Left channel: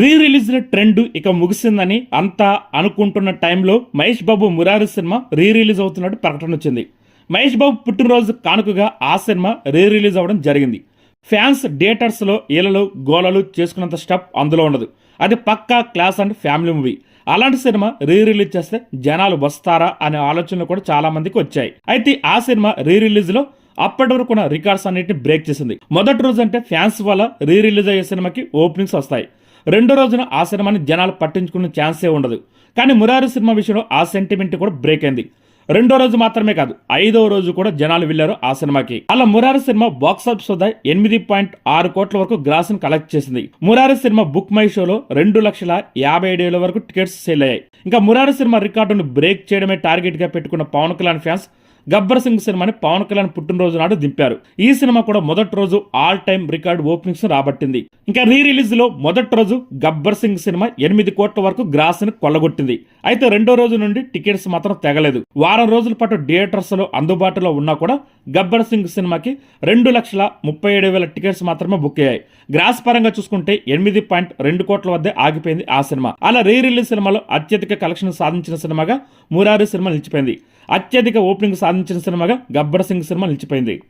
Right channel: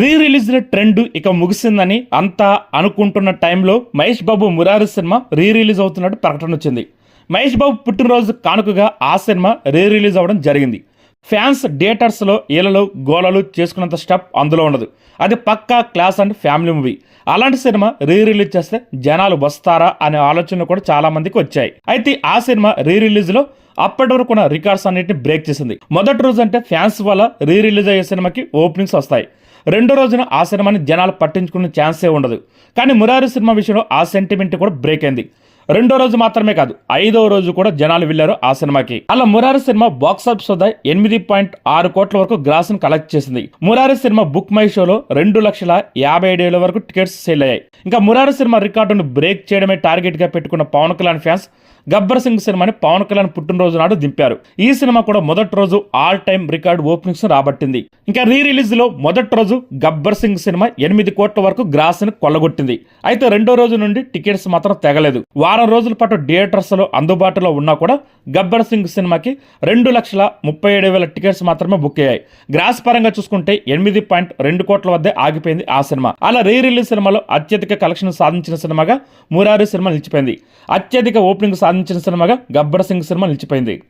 Re release trend ఇక ముగిసిందని అంతా అనుకుంటున్న టైంలో Mahesh Babu Murari cinema re release అవుతున్నట్టు ప్రకటన వచ్చింది. మహేష్ బాబు పుట్టినరోజు కానుకగా ఆ సినిమా రీ రిలీజ్ అవ్వడం జరిగింది. ఫ్యాన్స్ థియేటర్స్లో ఈలలు గోలలు చేసుకున్నంత స్టెప్ అందులో ఉండదు. అది పక్కా క్లాస్ అండ్ ఫ్యామిలీ మూవీ. అలాంటి సినిమా రీ రిలీజ్ చేస్తే జనాలు వస్తారా అనే ఆలోచనలు కూడా చాలా మందికి వచ్చాయి. అయితే ఆ సినిమా రీ రిలీజ్లో అప్పటి వరకు ఉన్న రికార్డ్స్ అన్నింటిని బ్రేక్ చేసింది. మొదటి రోజు అంటే ఫ్యాన్స్ వల్ల రీ రిలీజ్ అయ్యే సినిమాకి ఓపెనింగ్స్ వస్తాయి. రెండో రోజున ఆ సినిమాని జనాలు పట్టించుకునే ఛాన్సే ఉండదు. కానీ మురారి సినిమా విషయంలో ఆ సెంటిమెంట్ కూడా బ్రేక్ అయింది. రెండో రోజు మాత్రమే కాదు ఐదో రోజు కూడా జనాలు వెళ్ళారు ఆ సినిమాకి. అలా మురారి సినిమా బాక్స్ ఆఫీస్ వద్ద ఎనిమిది పాయింట్ ఆరు కోట్ల వరకు గ్రాస్ను కలెక్ట్ చేసింది. మురారి సినిమా బుక్ మై షోలో రెండు లక్షల యాభై ఏడు వేల వరకు టికెట్స్ సేల్ అయ్యాయి. ఇంకా మురారి సినిమా రికార్డును బ్రేక్ చేయడమే టార్గెట్గా పెట్టుకున్న పవన్ కళ్యాణ్ ఫ్యాన్స్ గబ్బర్ సింగ్ సినిమాని పవన్ కళ్యాణ్ పుట్టినరోజు నాడు దింపారు. ఈ సినిమా కూడా మొదటి రోజు ఆల్ టైమ్ రికార్డ్ ఓపెనింగ్స్ రాబట్టింది. ఇంకా రీ రిలీజ్లో మొదటి రోజు గబ్బర్ సింగ్ సినిమా ఎనిమిది కోట్ల వరకు గ్రాస్ని కొల్లగొట్టింది. అయితే రెండో రోజు నుండి టికెట్స్ మాత్రం తెగలేదు. వారం రోజుల పాటు థియేటర్స్లో అందుబాటులో ఉన్నా కూడా గబ్బర్ సింగ్ సినిమాకి రెండు లక్షల ముప్పై ఏడు వేల టికెట్స్ మాత్రమే బుక్ అయ్యాయి. గ్రాస్ పరంగా చూసుకుంటే ఎనిమిది పాయింట్ రెండు కోట్ల వద్దే ఆగిపోయింది ఆ సినిమా. అలా రీ రిలీజ్ సినిమాలో అత్యధిక కలెక్షన్ సాధించిన సినిమాగా మురారి సినిమా నిలిచిపోయింది. అత్యధిక ఓపెనింగ్ సాధించిన సినిమాగా గబ్బర్ సింగ్ సినిమా నిలిచిపోయింది.